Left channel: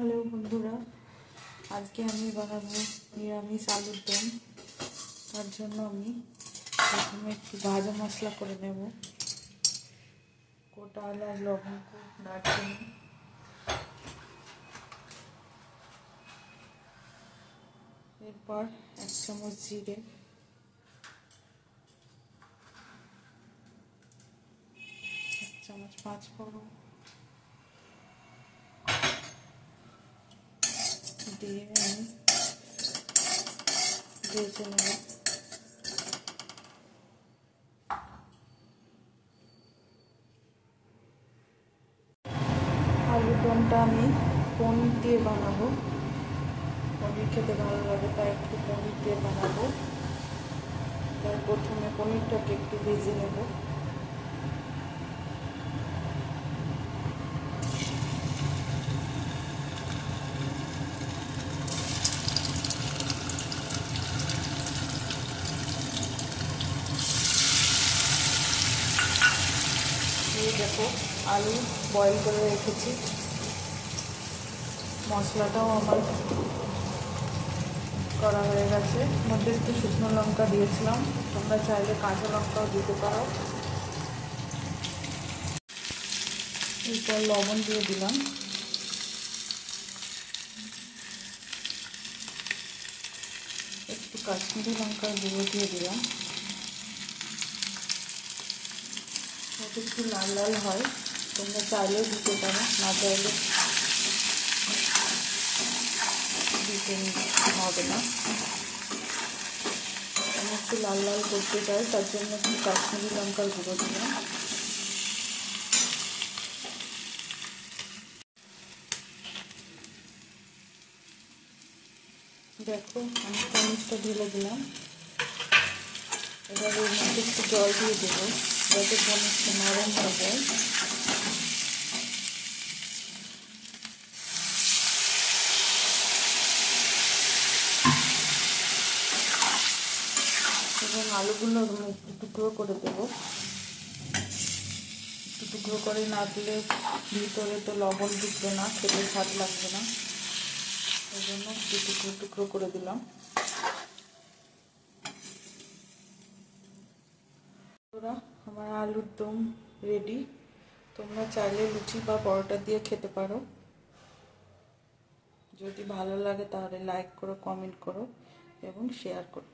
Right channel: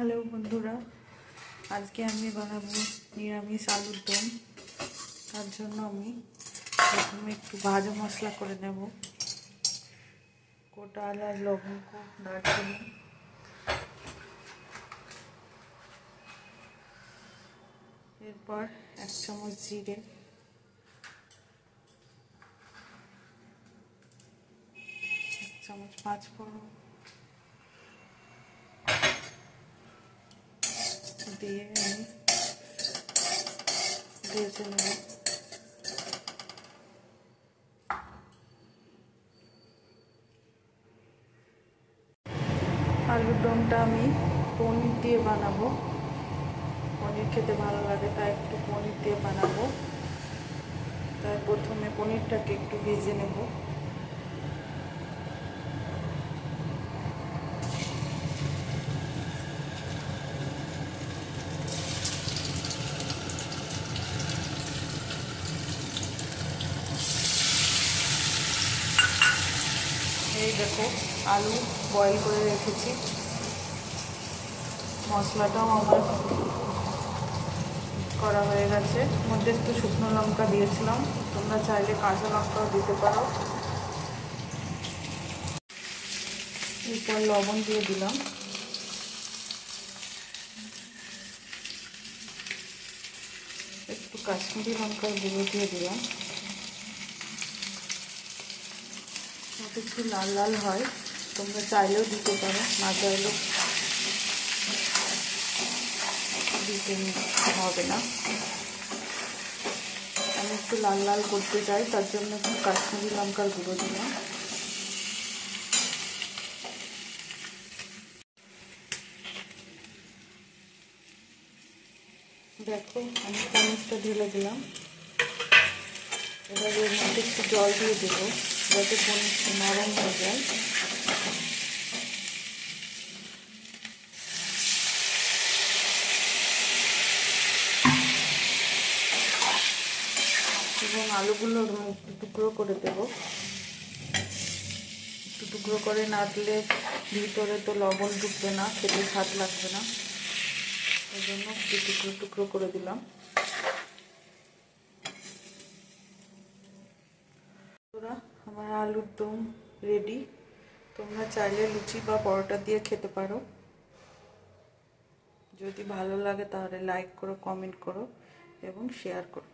Hello বন্ধুরা, আজকে আমি বানাবো নিরামিষ আলুর দম। তার জন্য আমি প্রথমে একটু ভাজা মশলা করে নেব। গোটা এলাচ, লবঙ্গ, দারচিনি, এরপর 1 চামচ জিরে, 1 চামচ পাঁচফোড়ন দিয়ে আমি ভেজে নেব। আলুর দমটা আমি পনির দিয়ে বানাবো। পনির খেতে ভালো লাগে, তাই একটু পনির দিয়ে বানাবো। তাই প্রথমে পনিরটাকে একটু ভেজে নেব। এই দেখো, আলু বয়েল করে রেখেছি। মশলাটাও আমার করা হয়ে গেছে। মধ্যে একটু শুকনো লঙ্কা দিয়েছিলাম, তোমরা চাইলে কাঁচা লঙ্কাও দিতে পারো। এরপর লবণ দিয়ে দিলাম, একটু কাশ্মীরি লঙ্কার গুঁড়ো দিয়ে দিলাম। একটু লাল লাল হয়, তোমরা চাইলেও দিতে পারো, না চাইলে দিতে হবে না। আমি একটু লাল লাল করতে চাই, তার জন্য একটু কাশ্মীরি লঙ্কার গুঁড়ো দিলাম। দেখো, আমি পনিরটা ঢেলে দিলাম। এবার এর মধ্যে একটু জল দিয়ে দেবো, যাতে পনিরটা নরম হয়ে যায়। এবং আলুগুলো একটু টুকরো করে দেবো। একটু টুকরো করে না দিলে ভিতরে তো লবণ ঢুকবে না, খেতে স্বাদ লাগবে না। ওই জন্য একটু টুকরো টুকরো করে দিলাম। আমার আলুর দম রেডি। তোমরা চাইলে লুচি বা পরোটা দিয়ে খেতে পারো। যদি ভালো লাগে তাহলে লাইক করো, কমেন্ট করো এবং শেয়ার করো।